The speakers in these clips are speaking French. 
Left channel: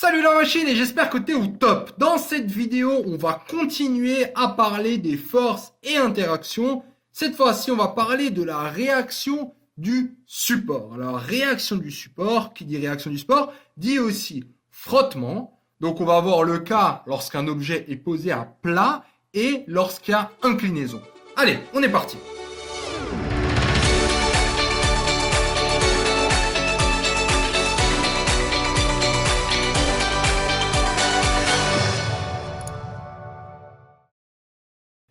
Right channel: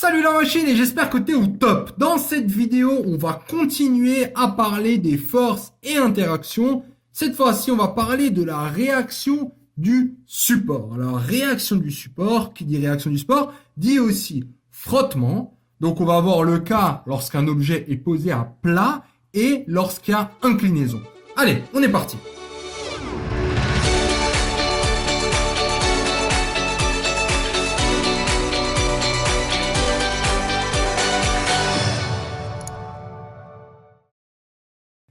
Salut la machine et j'espère que t'es au top. Dans cette vidéo, on va continuer à parler des forces et interactions. Cette fois-ci, on va parler de la réaction du support. Alors, réaction du support, qui dit réaction du support, dit aussi frottement. Donc, on va voir le cas lorsqu'un objet est posé à plat et lorsqu'il y a inclinaison. Allez, on est parti.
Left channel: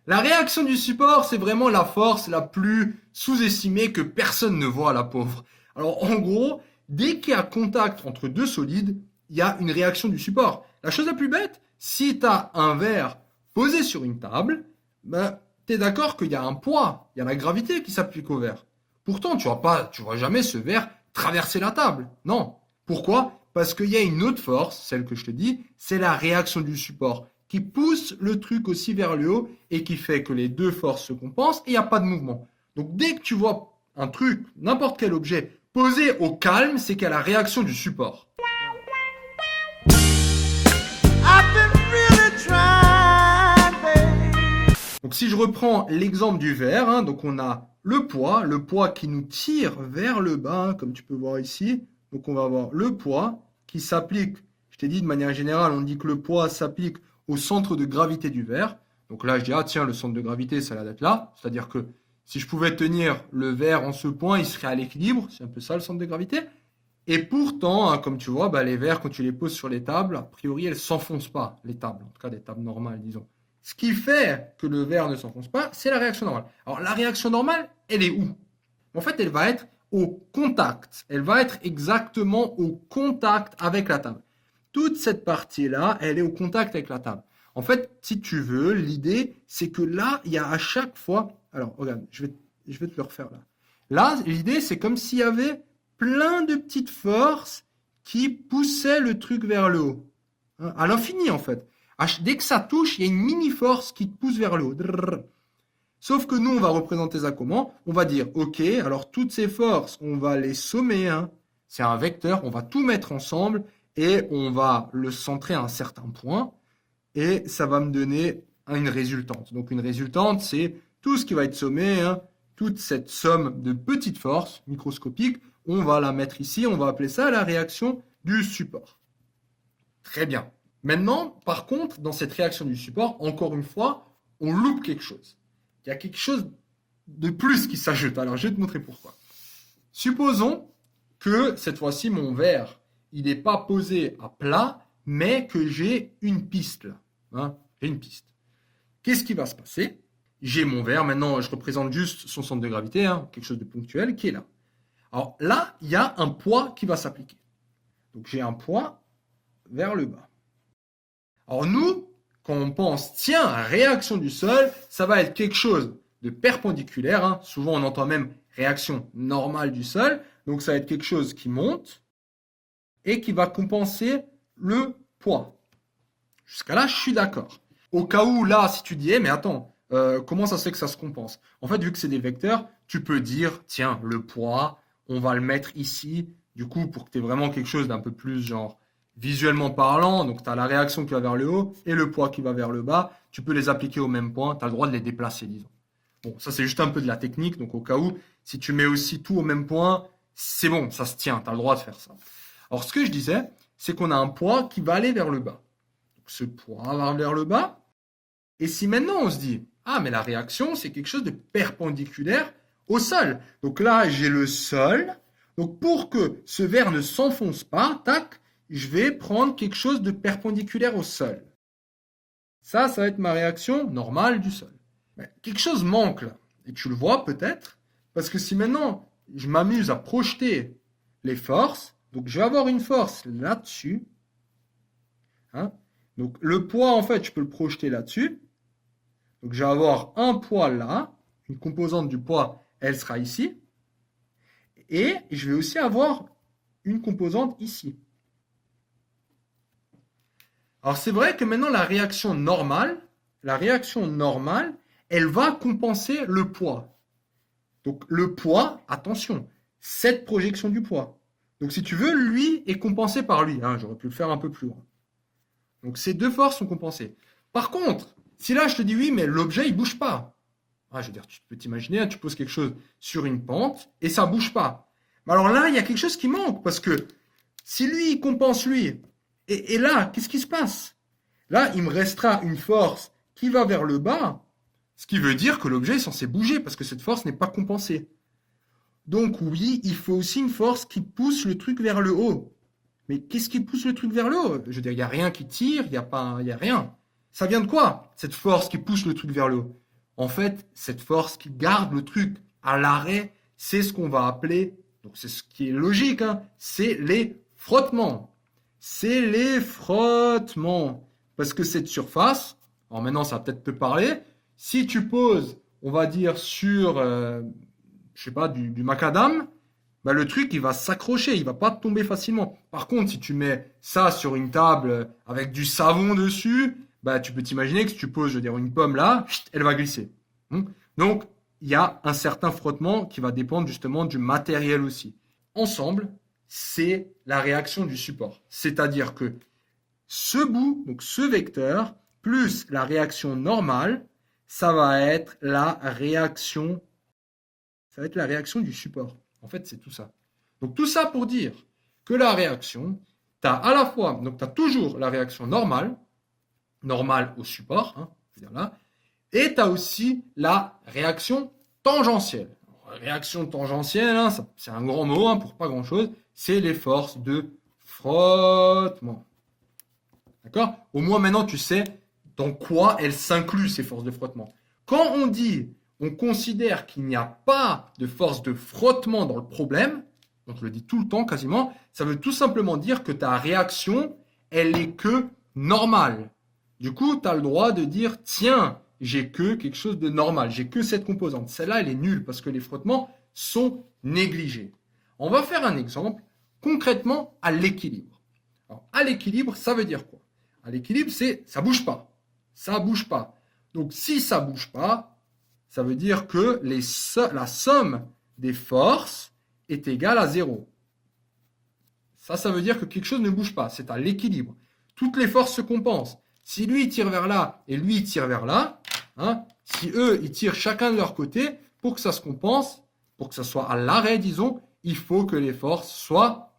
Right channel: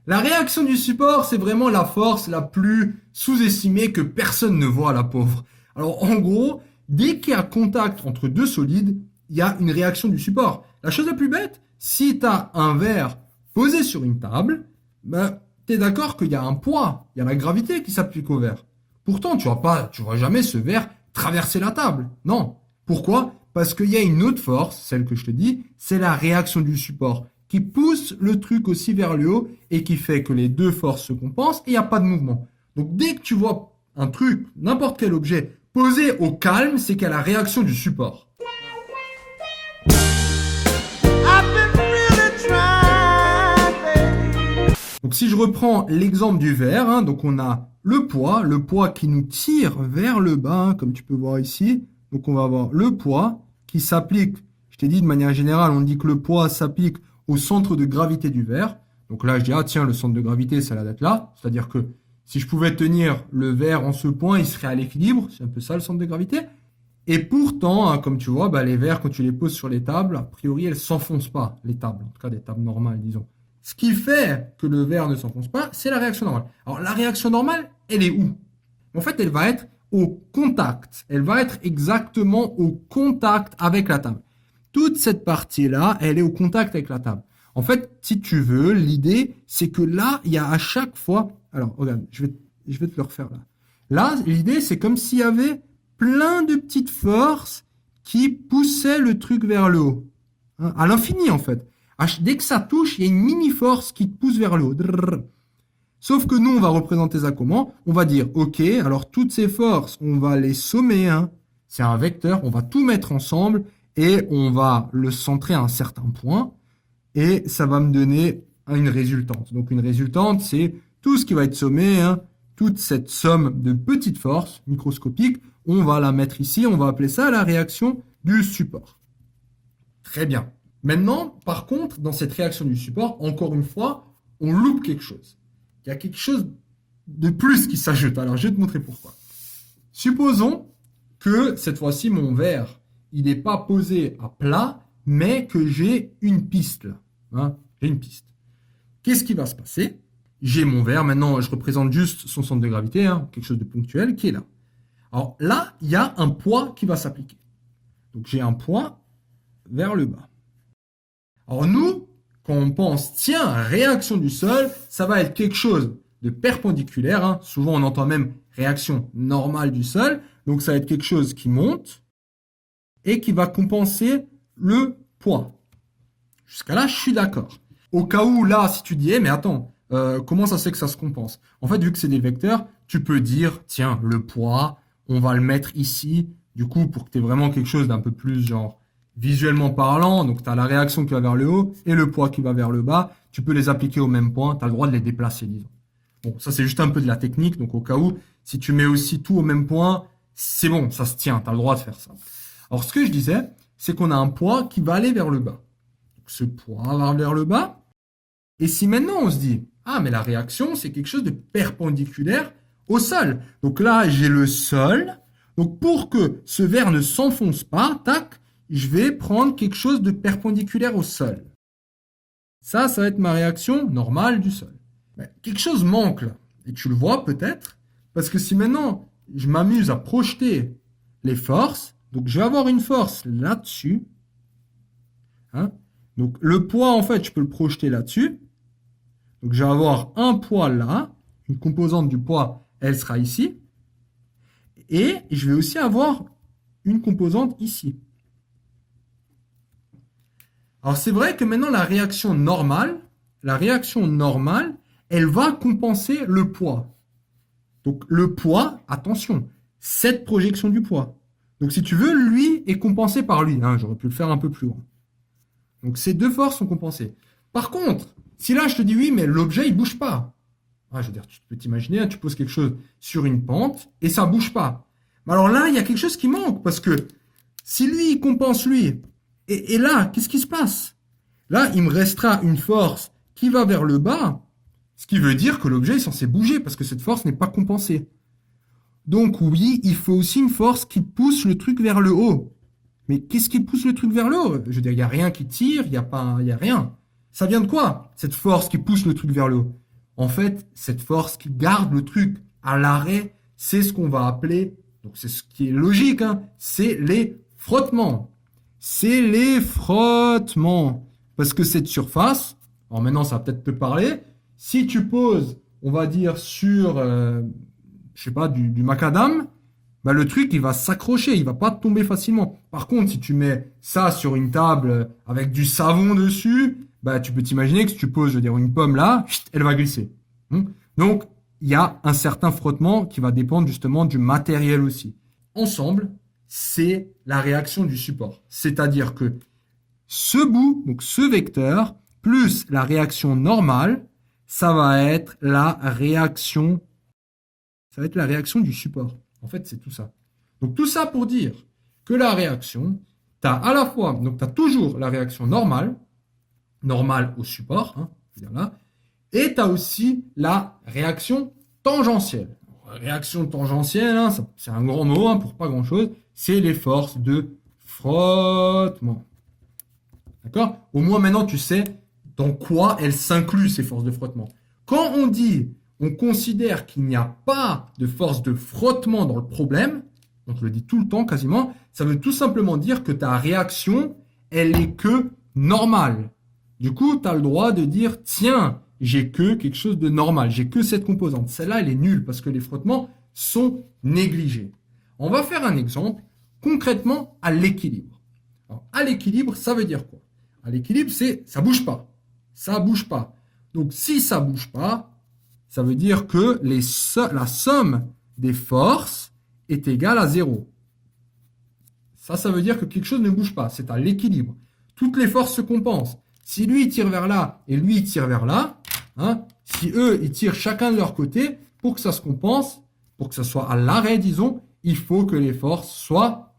La réaction du support, c'est vraiment la force la plus sous-estimée que personne ne voit, la pauvre. Alors en gros, dès qu'il y a contact entre deux solides, il y a une réaction du support. La chose la plus bête, si tu as un verre posé sur une table, tu es d'accord qu'il y a un poids, il y a la gravité qui s'applique au verre. Pourtant, tu vois jamais ce verre traverser la table. Non. Pourquoi? Parce qu'il y a une autre force, celle que je te dis, c'est la réaction du support, qui pousse le truc aussi vers le haut et qui fait que les deux forces se compensent et il n'y a pas de mouvement. Donc dès que tu vois un truc, n'importe quel objet, posé au calme, c'est qu'il y a la réaction du support. Donc si je reprends l'exemple du verre, donc on a le poids qui nous tire vers le bas, comme tu peux voir ici. Donc on va avoir le poids qui s'applique, je t'ai dit de manière générale, on dit que le poids s'applique au centre de gravité du verre. Donc là, je dis, ah tiens, le centre de gravité, ça a l'air d'être là. C'est-à-dire que si je pouvais tenir le verre en ce point, il serait à l'équilibre. C'est un peu ça, le centre de gravité. Et pourtant, comme tu vois, les verres, quand tu les poses sur les tables, a priori, elles ne s'enfoncent pas, les tables. En tout cas, des tables normales, disons. Ce qui fait que le verre ne s'enfonce pas, c'est la réaction normale. Alors, la réaction normale, elle est où? En fait, elle va être au contact. Elle va être exactement au contact avec la table. Toute cette partie-là, elle est au contact avec la table. En fait, si tu veux, l'idée, c'est que là, il y a à chaque fois... Alors, regarde, je vais te le refaire là. Là, l'idée, c'est comme s'il y avait plein de petites forces qui poussaient le truc vers le haut. À l'infini, en fait. Dès que ça touche, il y a une mini-force qui te pousse vers le haut. Sauf que nous, on va représenter ça comment? On va dire, ok, alors toutes ces forces, on va les sommer. C'est un vecteur, on va tout mettre ensemble et on va le centrer à un certain point. Et ça va me donner une résultante. Donc une résultante, c'est tout ce qui va être sommé, toute cette somme de petites forces microscopiques, on va la mettre ici, on va appeler ça la réaction du support. Très bien. Maintenant, par contre, dans cette réaction du support, encore une fois, on loupe quelque chose. Il y a quelque chose de plus qui s'ajoute. Alors, je vais te montrer pourquoi. Supposons que, cette fois-ci, mon verre, il n'est pas posé à plat, mais que j'ai une piste là. J'ai une piste. Qu'est-ce qui va se passer? J'ai mon verre, maintenant je représente juste son centre de gravité, quelque chose de ponctuel qui est là. Alors là, il y a un poids qui va s'appliquer. Donc j'ai un poids vers le bas. Alors nous, quand on pense, tiens, réaction du sol, ça va être quelque chose de perpendiculaire. Souvent on entend même réaction normale du sol. Donc ça va être quelque chose qui monte et qui va compenser le poids. Jusqu'à là, je suis d'accord. Au cas où, là, si tu dis, mais attends, comment ça se fait que ça se compense? En fait, vu que c'est des vecteurs, tu peux dire, tiens, le poids, on va le mettre ici, du coup, pour que tu aies vraiment quelque chose d'un peu plus, genre, visuellement parlant. Donc, tu as la réaction qui va vers le haut et le poids qui va vers le bas. Tu peux les appliquer au même point, tu as le droit de les déplacer, disons. Bon, ça, c'est juste un peu de la technique. Donc, au cas où, si tu mets aussi tout au même point, c'est bon, ça se tient, tu as le droit de faire ça. Alors, ce que je disais, c'est qu'on a un poids qui va aller vers le bas. Ce poids va vers le bas. Et si maintenant on se dit, ah mais la réaction c'est quelque chose de perpendiculaire au sol. Donc là j'ai le sol. Donc pour que ce verre ne s'enfonce pas, tac, je vais prendre quelque chose de perpendiculaire au sol. Ça va être ma réaction normale du sol. Mais quelque chose manque là. Et tu le vois peut-être. Parce que si maintenant je m'amuse à projeter les forces, donc je vais avoir une force là-dessus. Donc le poids, en fait, je peux le projeter là-dessus. Donc je vais avoir un poids là, une composante du poids, elle sera ici. Et je vais aussi avoir une composante ici. Alors c'est vrai que maintenant la réaction normale, elle va compenser le poids. Donc le poids, attention, cette projection du poids. Donc si tu veux, lui est compensé par lui. Hein, j'aurais pu le faire un peu plus loin. Donc ces deux forces sont compensées. Par contre, si là je te dis oui, mais l'objet il bouge pas. Ah, je veux dire, tu peux t'imaginer, hein, tu poses quelque chose sur une pente et ça bouge pas. Mais alors là, il y a quelque chose qui manque parce que si lui il compense lui, et là, qu'est-ce qui se passe? Là, il me restera une force qui va vers le bas, ce qui veut dire que l'objet est censé bouger parce que cette force n'est pas compensée. Donc oui, il faut aussi une force qui pousse le truc vers le haut. Mais qu'est-ce qui pousse le truc vers le haut? Je veux dire, il n'y a rien qui tire, il y a rien. Ça vient de quoi, cette force qui pousse le truc vers le haut? En fait, cette force qui garde le truc à l'arrêt, c'est ce qu'on va appeler, donc c'est ce qui est logique, hein, c'est les frottements. C'est les frottements. Parce que cette surface, alors maintenant ça va peut-être te parler, si tu poses, on va dire sur, je sais pas, du macadam, bah, le truc il va s'accrocher, il va pas tomber facilement. Par contre, si tu mets ça sur une table avec du savon dessus, bah, tu peux t'imaginer que si tu poses, je veux dire, une pomme là, elle va glisser. Donc, il y a un certain frottement qui va dépendre justement du matériel aussi. Ensemble, c'est la réaction du support. C'est-à-dire que ce bout, donc ce vecteur, plus la réaction normale, ça va être la réaction du support. En fait, c'est tout ça. Donc tout ça pour dire que la réaction, tu as à la fois, donc tu as toujours la réaction normale au support, hein, là, et tu as aussi la réaction tangentielle. Réaction tangentielle, hein, c'est un grand mot, hein, pour pas grand-chose, c'est les forces de frottement. D'accord? Au moins maintenant tu sais dans quoi elles s'incluent ces forces de frottement. Quand on dit, on considère qu'il n'y a pas de force de frottement dans le problème, on te le dit tout le temps quasiment, ça veut tout simplement dire que ta réaction, elle est que normale. Du coup, tu as le droit de dire, tiens, j'ai que quelque chose de normal, j'ai que cette composante. Celle-là, elle est nulle parce que les frottements sont négligés. On va faire un exemple concrètement à l'équilibre. Alors, à l'équilibre, ça veut dire quoi? À l'équilibre, c'est ça bouge pas. Ça bouge pas. Donc, si ça bouge pas, ça veut dire que la somme des forces est égale à 0. Ça veut dire que quelque chose ne bouge pas. C'est à l'équilibre. Toutes les forces se compensent. Si lui, il tire vers là et lui, il tire vers là, hein, si eux, ils tirent chacun de leur côté, pour que ça se compense, pour que ça soit à l'arrêt, disons, il faut que les forces soient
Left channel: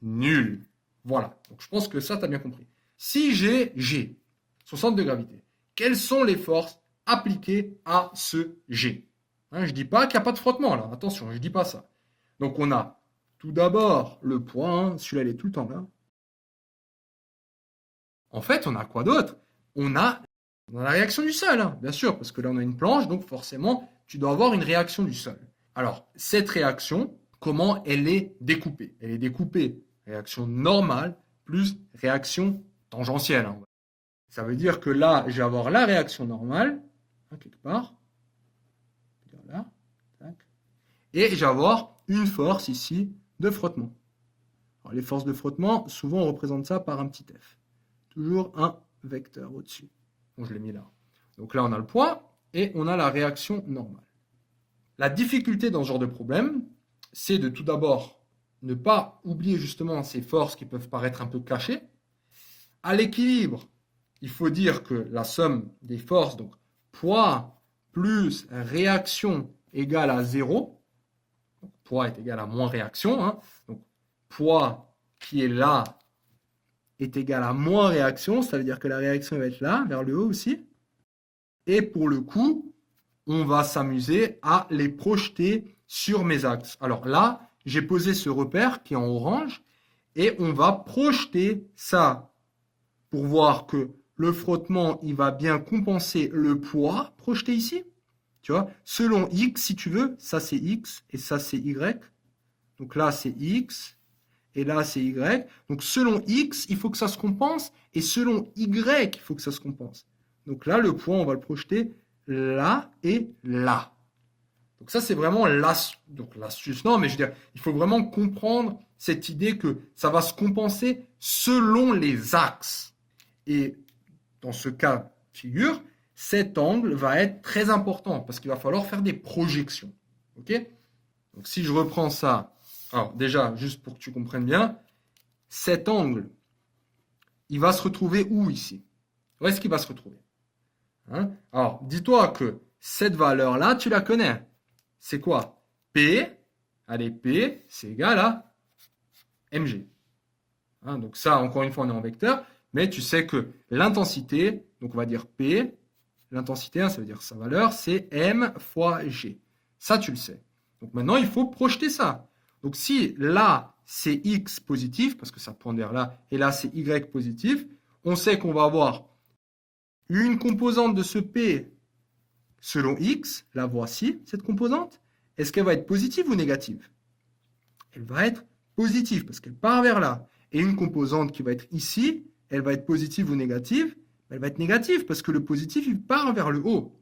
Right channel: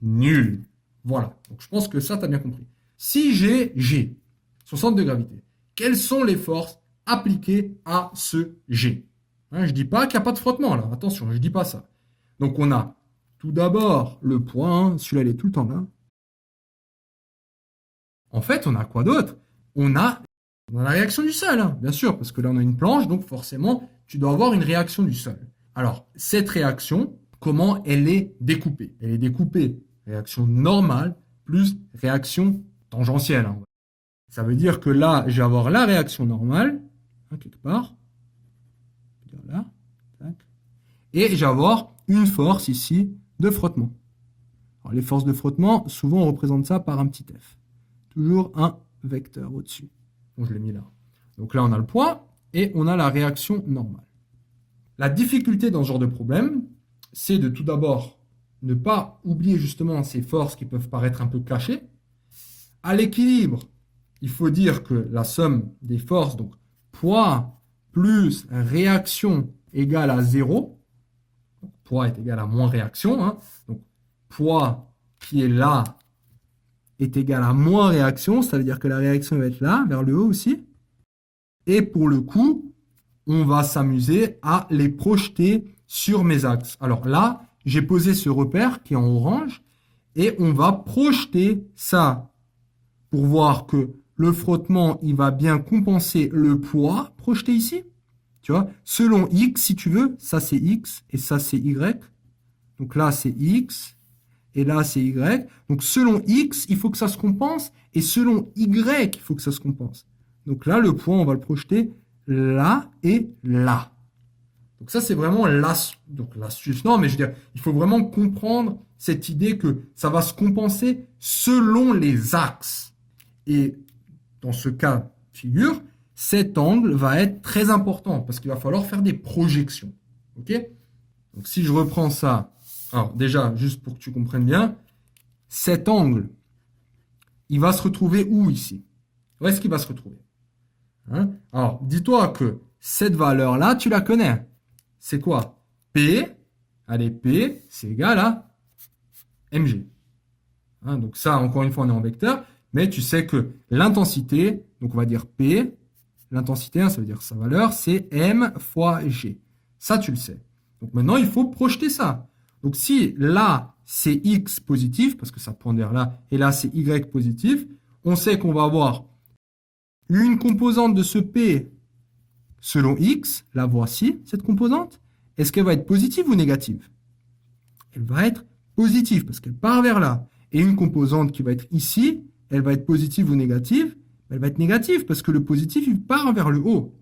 nulles. Voilà. Donc, je pense que ça, tu as bien compris. Si j'ai G, son centre de gravité, quelles sont les forces appliquées à ce G? Hein, je ne dis pas qu'il n'y a pas de frottement, là. Attention, je ne dis pas ça. Donc, on a tout d'abord le poids. Hein, celui-là, il est tout le temps là. En fait, on a quoi d'autre? On a la réaction du sol, hein, bien sûr, parce que là, on a une planche, donc forcément, tu dois avoir une réaction du sol. Alors, cette réaction, comment elle est découpée? Elle est découpée réaction normale plus réaction tangentielle. Hein. Ça veut dire que là, je vais avoir la réaction normale, hein, quelque part. Là, tac. Et je vais avoir une force ici de frottement. Alors, les forces de frottement, souvent on représente ça par un petit f. Toujours un vecteur au-dessus. Bon, je l'ai mis là. Donc là, on a le poids et on a la réaction normale. La difficulté dans ce genre de problème, c'est de tout d'abord ne pas oublier justement ces forces qui peuvent paraître un peu cachées. À l'équilibre, il faut dire que la somme des forces, donc poids plus réaction égale à 0. Donc, poids est égal à moins réaction. Hein. Donc poids qui est là est égal à moins réaction, ça veut dire que la réaction va être là, vers le haut aussi. Et pour le coup, on va s'amuser à les projeter sur mes axes. Alors là, j'ai posé ce repère qui est en orange et on va projeter ça pour voir que le frottement, il va bien compenser le poids projeté ici. Tu vois, selon X, si tu veux, ça c'est X et ça c'est Y. Donc là, c'est X et là, c'est Y. Donc selon X, il faut que ça se compense et selon Y, il faut que ça se compense. Donc là, le poids, on va le projeter là et là. Donc ça, c'est vraiment l'astuce. Non, mais je veux dire, il faut vraiment comprendre cette idée que ça va se compenser selon les axes. Et dans ce cas de figure, cet angle va être très important parce qu'il va falloir faire des projections. Ok? Donc si je reprends ça Alors déjà, juste pour que tu comprennes bien, cet angle, il va se retrouver où ici? Où est-ce qu'il va se retrouver? Hein? Alors, dis-toi que cette valeur-là, tu la connais. C'est quoi? P, allez, P, c'est égal à mg. Hein, donc ça, encore une fois, on est en vecteur, mais tu sais que l'intensité, donc on va dire P, l'intensité, hein, ça veut dire sa valeur, c'est m fois g. Ça, tu le sais. Donc maintenant, il faut projeter ça. Donc si là, c'est x positif, parce que ça pointe vers là, et là, c'est y positif, on sait qu'on va avoir une composante de ce P selon x, la voici, cette composante. Est-ce qu'elle va être positive ou négative? Elle va être positive, parce qu'elle part vers là. Et une composante qui va être ici, elle va être positive ou négative? Elle va être négative, parce que le positif, il part vers le haut.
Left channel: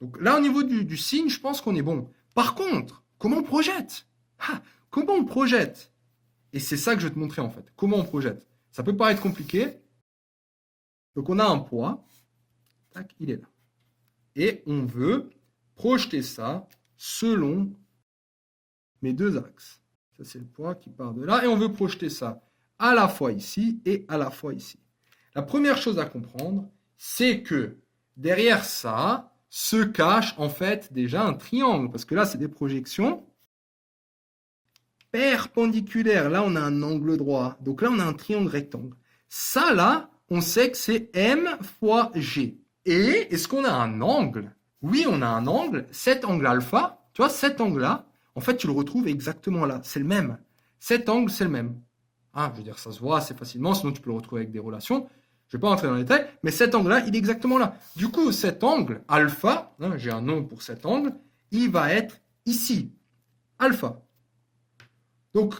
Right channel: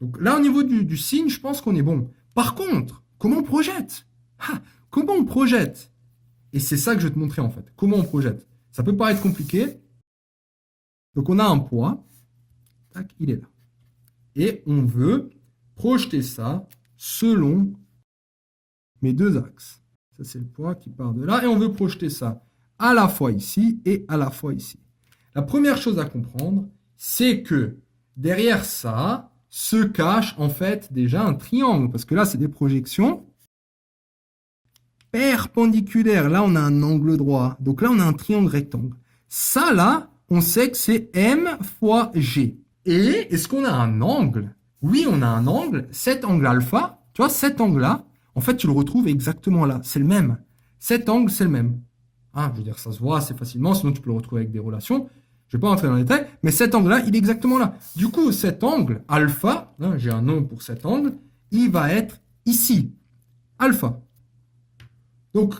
Donc là, au niveau du signe, je pense qu'on est bon. Par contre, comment on projette? Comment on projette? Et c'est ça que je vais te montrer en fait. Comment on projette? Ça peut paraître compliqué. Donc on a un poids. Tac, il est là. Et on veut projeter ça selon mes deux axes. Ça, c'est le poids qui part de là. Et on veut projeter ça à la fois ici et à la fois ici. La première chose à comprendre, c'est que derrière ça se cache en fait déjà un triangle. Parce que là, c'est des projections perpendiculaires. Là, on a un angle droit. Donc là, on a un triangle rectangle. Ça, là, on sait que c'est m fois g. Et est-ce qu'on a un angle? Oui, on a un angle. Cet angle alpha, tu vois, cet angle-là, en fait, tu le retrouves exactement là. C'est le même. Cet angle, c'est le même. Ah, je veux dire, ça se voit assez facilement, sinon tu peux le retrouver avec des relations. Je ne vais pas rentrer dans les détails, mais cet angle-là, il est exactement là. Du coup, cet angle, alpha, hein, j'ai un nom pour cet angle, il va être ici, alpha. Donc,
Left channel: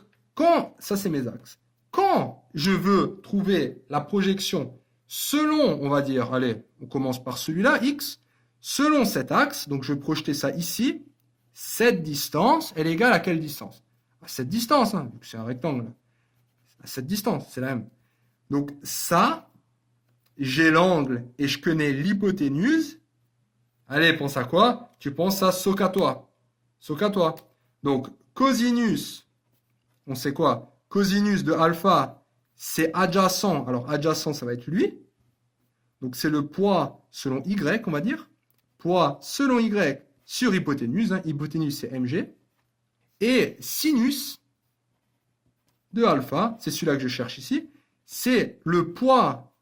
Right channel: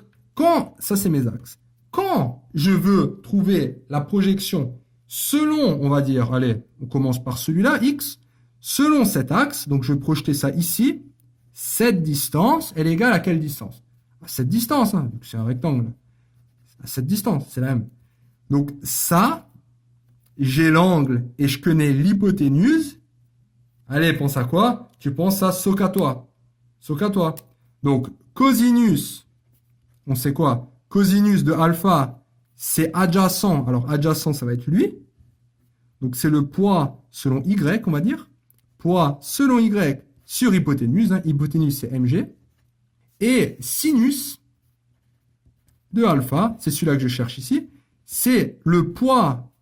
ça c'est mes axes. Quand je veux trouver la projection selon, on va dire, allez, on commence par celui-là, x, selon cet axe, donc je vais projeter ça ici, cette distance, elle est égale à quelle distance? À cette distance, hein, vu que c'est un rectangle. À cette distance, c'est la même. Donc ça, j'ai l'angle et je connais l'hypoténuse. Allez, pense à quoi? Tu penses à SOH. SOH. Donc cosinus, on sait quoi? Cosinus de alpha, c'est adjacent. Alors adjacent, ça va être lui. Donc c'est le poids selon y, on va dire. Poids selon y sur hypoténuse. Hein. Hypoténuse, c'est mg. Et sinus de alpha, c'est celui-là que je cherche ici. C'est le poids.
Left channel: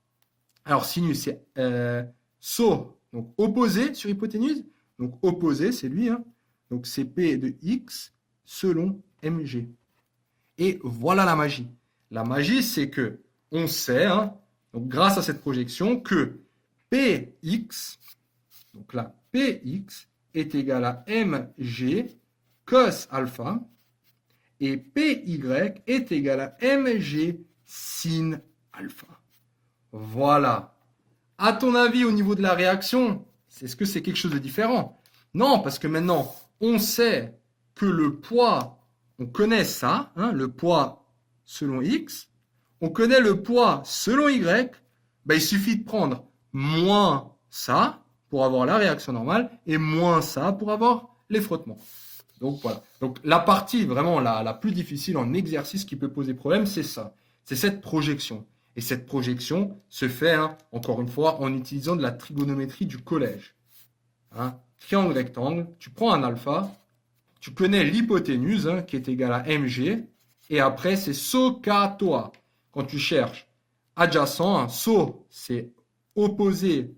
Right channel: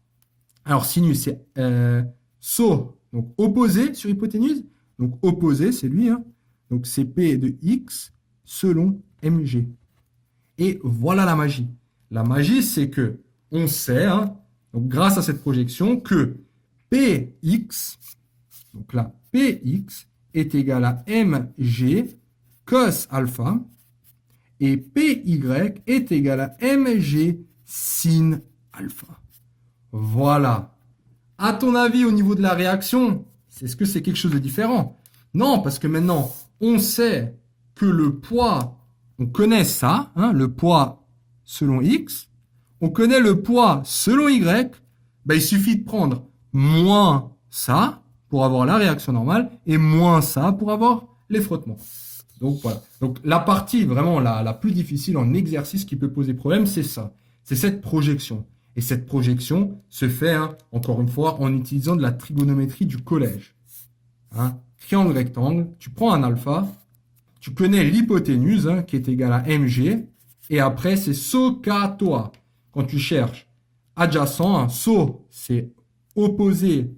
Alors sinus, c'est SO, donc opposé sur hypoténuse. Donc opposé, c'est lui. Hein. Donc c'est P de x selon mg. Et voilà la magie. La magie, c'est que on sait, hein, donc grâce à cette projection, que Px, donc là, Px est égal à mg cos alpha et Py est égal à mg sin alpha. Voilà. À ton avis, au niveau de la réaction, est-ce que c'est quelque chose de différent? Non, parce que maintenant, on sait que le poids, on connaît ça, hein, le poids selon x, on connaît le poids selon y, ben, il suffit de prendre moins ça pour avoir la réaction normale et moins ça pour avoir les frottements. Donc voilà. Donc la partie vraiment la plus difficile en exercice qui peut poser problème, c'est ça. C'est cette projection. Et cette projection se fait, hein, encore une fois, en utilisant de la trigonométrie du collège. Hein, triangle rectangle, tu prends un alpha, tu connais l'hypoténuse, hein, qui est égale à mg, et après c'est SOH. Quand tu cherches adjacent, hein, SO c'est opposé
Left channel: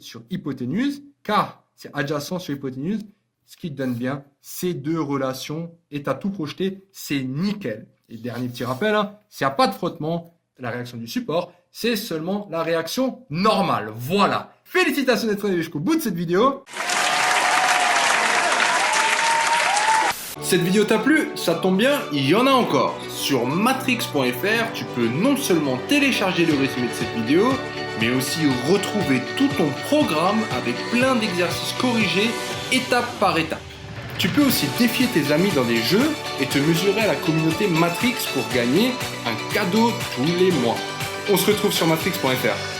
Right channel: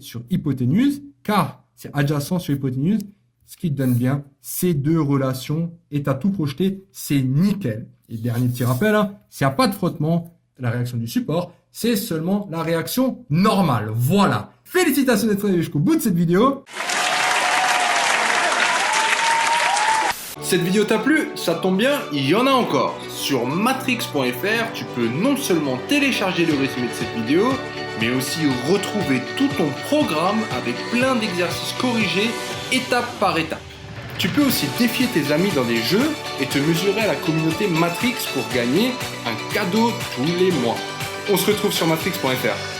sur hypoténuse, car c'est adjacent sur hypoténuse, ce qui te donne bien ces deux relations, et tu as tout projeté, c'est nickel. Et dernier petit rappel, hein, s'il n'y a pas de frottement, la réaction du support, c'est seulement la réaction normale. Voilà. Félicitations d'être allé jusqu'au bout de cette vidéo. Cette vidéo t'a plu? Ça tombe bien, il y en a encore. Sur matrix.fr, tu peux non seulement télécharger le résumé de cette vidéo, mais aussi retrouver tout ton programme avec plein d'exercices corrigés étape par étape. Tu peux aussi défier tes amis dans des jeux et te mesurer à la communauté Matrix pour gagner un cadeau tous les mois. On se retrouve sur matrix.fr.